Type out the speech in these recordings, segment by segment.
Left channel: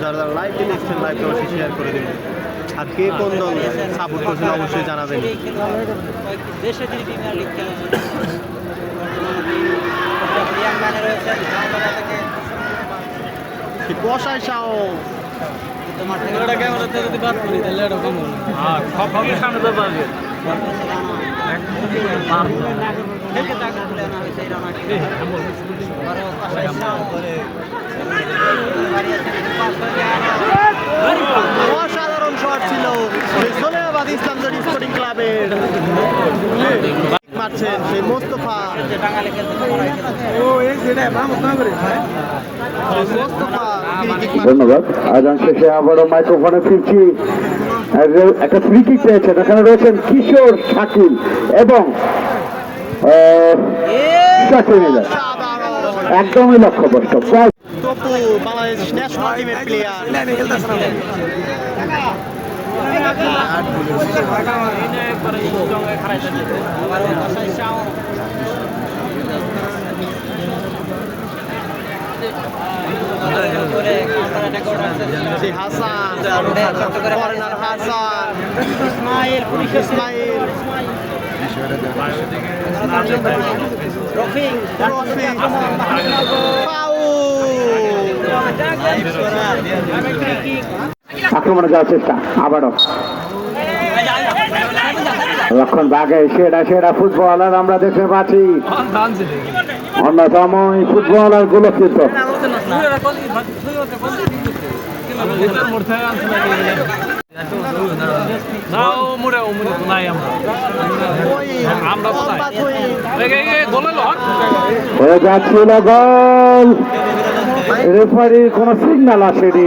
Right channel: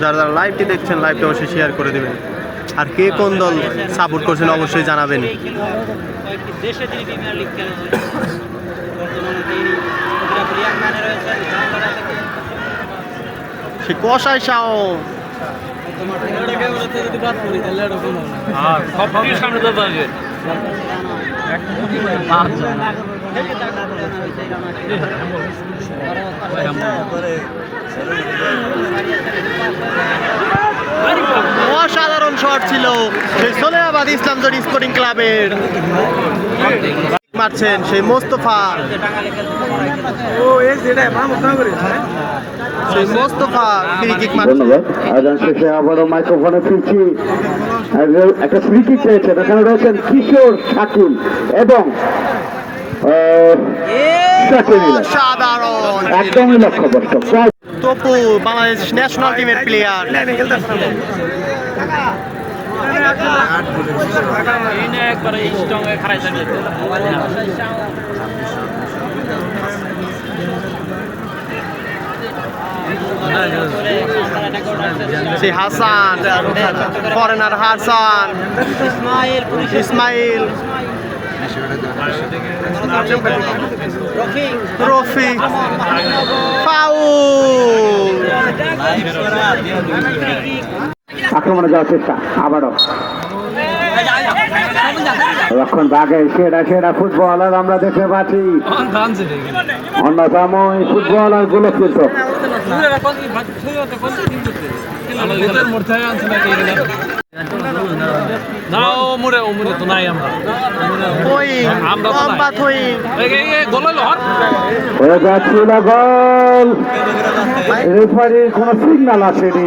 যারা লাইভটি দেখছেন লাইভটা অবশ্যই শেয়ার করে দেবেন আর কে কোন দল সাপোর্ট করছেন অবশ্যই জানাবেন সে কষাই শাহ সামনে তো পারবে অসাধারণ শট ছিল সোনাবাদ ইসলামজোড় স্পোর্টিং ক্লাবের মারছেন সেই মোস্তফা ধন্যবাদ। আয়োজন শেষে আবারও মাইক্রোফোনে ফিরছি। একটা ফ্রি কিক রয়েছে, এখানে রয়েছেন কিশোর শাকিল এবং একদমই লক্ষ্যভ্রষ্ট। তপু বাংলাদেশ ন্যাশনাল টিমের প্লেয়ার হাসান ফরেনার হাসান ইসমাইল রফি আক্রমণে যাওয়ার চেষ্টা আবারও লক্ষণ দাগে সেরা সেরা ফুটবলার আমরা দেখতে পাচ্ছি অন্যতম ফুটবলার গুলো কিন্তু যাচ্ছিল গোল রেফারির কোন সিগন্যাল আসেনি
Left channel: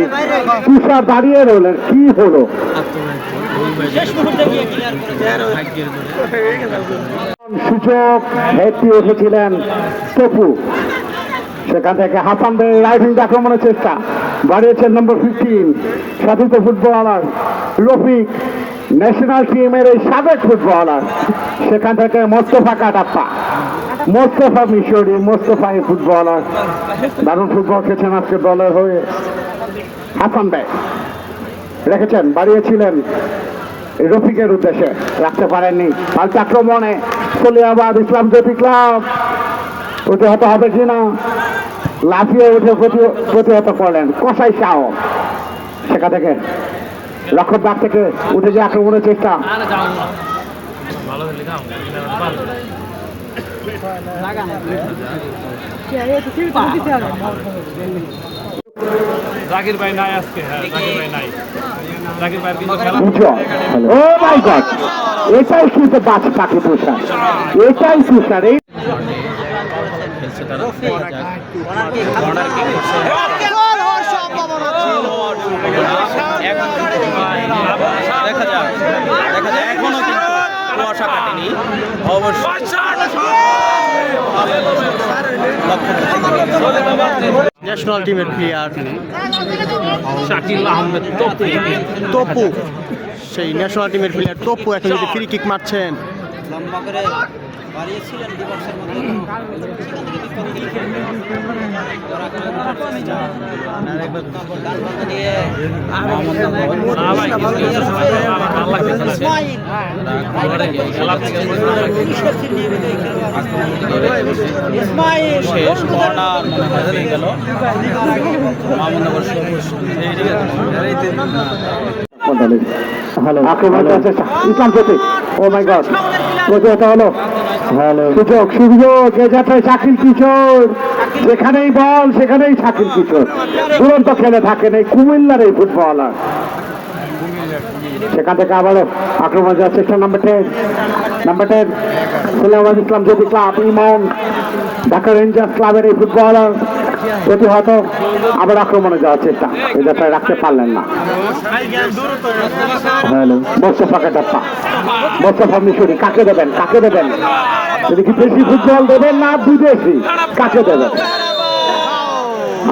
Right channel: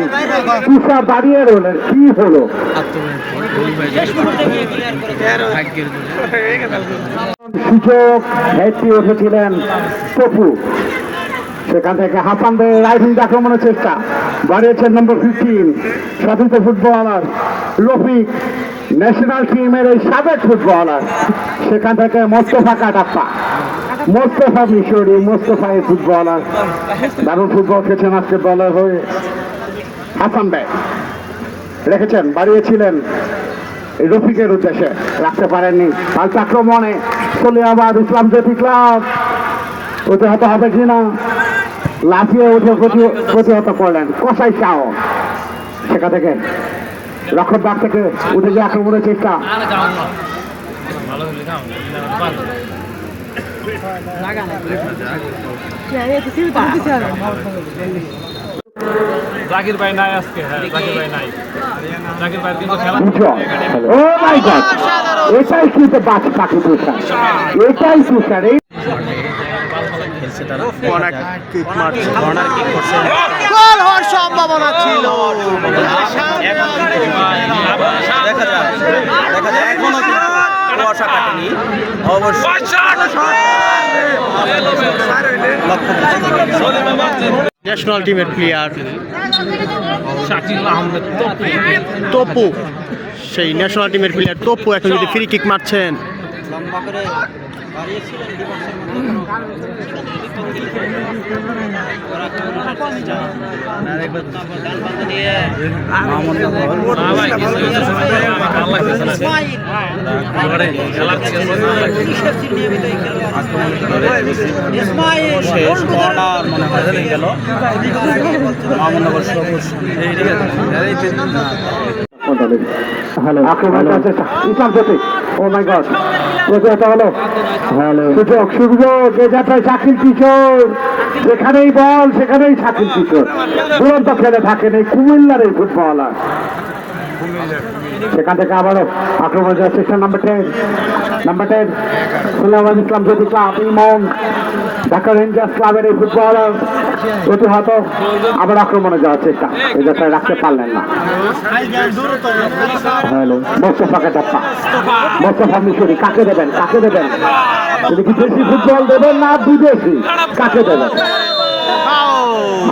তুষার দাঁড়িয়ে রইলেন কি হলো সুযোগ হেঁটে এসেছিলেন তপু সেখান থেকে হাসানদের রাইফিল আক্রমণের চেষ্টা বাড়িয়েছেন নম্বর 15 সতীর্থ ফুটবলার রফিক ন্যাশনাল টিমের এই সাবেক ফুটবলার সেখান থেকে মোস্তফা কাটাপ্পা মোস্তফা মিশরি মোস্তফা এই ফুটবলার দারুণ ফুটবল খেলছেন আজকে দলে হয়ে হাসান ভাই রেখেছেন বাড়িয়েছিলেন রফিকের উদ্দেশ্যে রাখতে পারেননি পাল্টা আক্রমণে সোনিয়াবাদ ইসলাম জ্যোতি ক্লাব প্রতিহত হবে কিনা লাফিয়ে উঠে প্রতিহত করলেন কষাই শাহ সেখান থেকে রক্ষক ডাক থেকে উঠে গিয়ে আক্রমণের চেষ্টা জাকির ভাই নাই আজকে জাকির ভাই নাই জাকির ভাই কিন্তু এটাই শুনতে গাছ পাখি পোষা এটাই সুসার সম্ভাবনা ছিল দেখা যায় এখনো কিন্তু কুয়াশা কাটেনি অবশ্যই ন্যাশনাল টিমের প্লেয়ার শাকিল আহমেদ তপু সেই ন্যাশনাল টিমের প্লেয়ার তপু এখন যদি ফ্রি কিক মারছেন গেল শাকিল কিশোর যেখানেই বল সেখানেই শাকিল কিশোর দুরন্ত খেলে থাকেন এই কুমিল্লার এই ফুটবলার সেখান থেকে আবারও আক্রমণ যাওয়ার চেষ্টা নাম্বার 10 সোনাবাদ ইসলাম জ্যোতি ক্লাব ইমন ঢাকা রেঞ্জার্স ক্লাবের এই ফুটবলার প্রতিহত আবার আক্রমণে যাওয়ার চেষ্টা এই যাত্রায় রাখতে পারলেন না মোস্তফা কাটাপ্পা মোস্তফা মিশরি কাকে দেবেন যদি কি দেশি ফুটবল দেবেন না বিদেশি কাকে দেবেন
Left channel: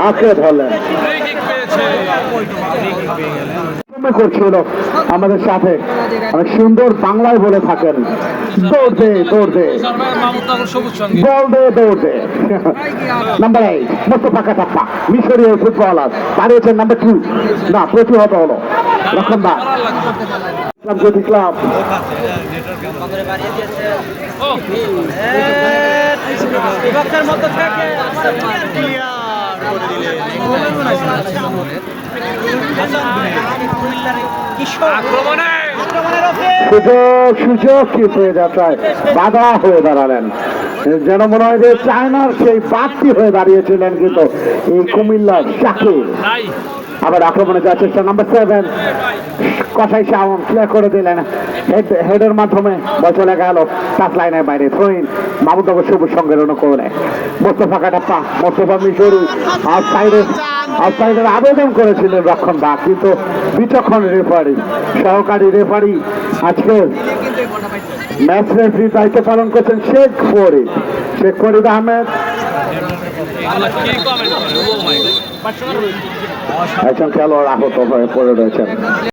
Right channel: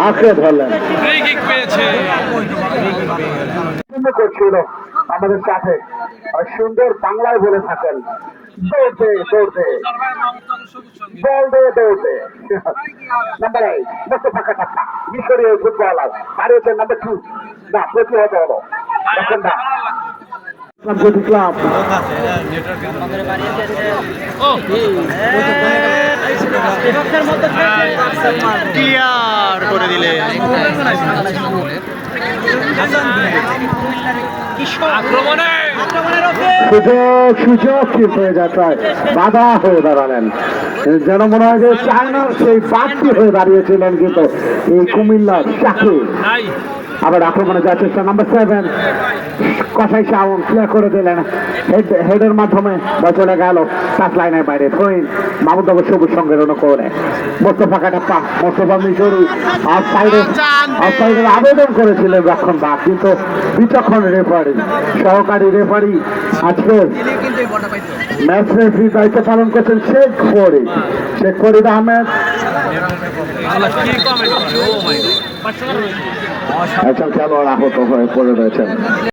আঁকড়ে ধরলেন করছিল আমাদের সাথে অনেক সুন্দর বাংলায় বলে থাকেন, দৌড় দে দৌড় দে বল দে দৌড় দে। নাম্বার 8 মোস্তফা কাটাপ্পা, মিশরীয় ফুটবলার, দাঁড়িয়েছেন নাম্বার 2, না প্রতিহত হলো লক্ষণ দা জ্যোতি ক্লাব। ক্লিয়ার করে দিলেন। সুযোগ কিন্তু এ যাত্রায় বাধা হয়ে দাঁড়ালেন, যেন মনে হয় যে চায়নার সেই বাড়তি হয়ে দাঁড়িয়েছিলেন কিন্তু এই কুমিল্লার শাকিব। আবার আক্রমণে যাওয়ার চেষ্টা নাম্বার 7, কষাই শাওন ক্লিয়ার করে দিলেন হেডের মাধ্যমে, বল চলে গেল টাচ লাইনের বাইরে। থ্রোইন মাহমুদ আবু সবুজ সঙ্গে করে মোস্তফা কাটাপ্পা, মোস্তফা মিশরী আউটসাইডের আবেদন করেছিলেন রক্ষণ দা, কিন্তু বিচক্ষণ রেফারি, সহকারী রেফারি আজকে ম্যাচ রেফারির দায়িত্ব পালন করছেন শেখ ফরিদ আহমেদ। আচ্ছা খেলোয়াড় আহত হয়ে পড়ে রয়েছেন।